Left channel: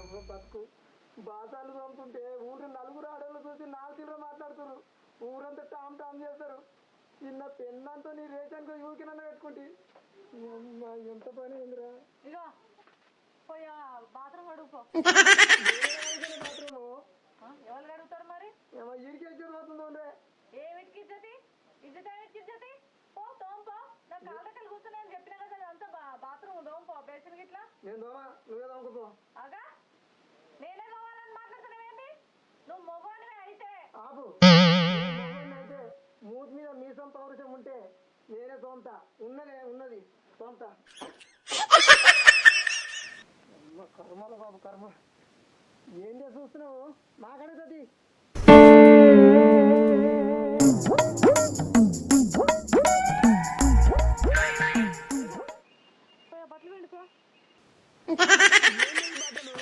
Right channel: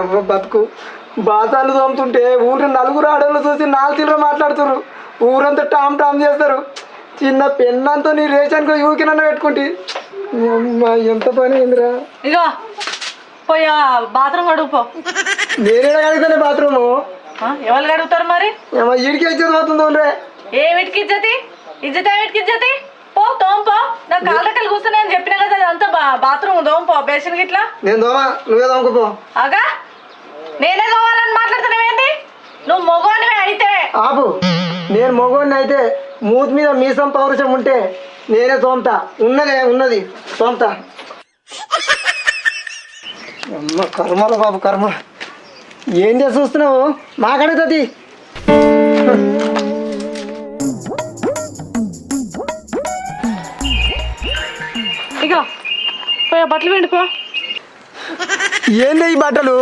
అవ్వ బతుకు బాసాలు తోముతుంటే ఊరి నలుగురు ఆడవాళ్ళు చూసి నాలుగు మాట్లాడుతున్నారు. ఊరంతా టామ్ టామ్ చేస్తారు. చిన్న పెన్నంతో నీ రేషన్కు యూకినన్న పెట్టుకుంటే ఎంత పని అయిందిరా. ఇగో పోయా బాత్రూమ్ కడుగుపో. నేనే కడుగుతానే బాత్రూము. ఎవరు కడుగుతారు మరి? ఇడికి ఇచ్చేది పోతుందో రే. ఏమిటికి ఇజ్జతి? ఇజ్జతి ఏమిటికి ఇజ్జతి? పో తోంపో. నాకు కాళ్ళకలు కూర్చుని అని చెప్పినా కదా అంతా బాత్రూమ్ తోంపో. బేసిన్ గిట్లా నేను దోమా, నువ్వే దోమకుపో. అగా నేనే తోమాలని మాట్లాడుతున్నావేంటి? నువ్వు మగవాడివే అయితే ఆపు. నేను మగవాడిని అయితే మూతి మీద మీసం పౌరుషం ఉంటే నేనే తోముతా. ఉన్నది తోముతా. అమ్మ కర్మల బాబు కర్మ. ఏం చేసి చూస్తున్నావు? మాకడుగుతుంది. ఇగో పోయా బట్టలు వెండిపో. ఏంది ఈ బట్టలు?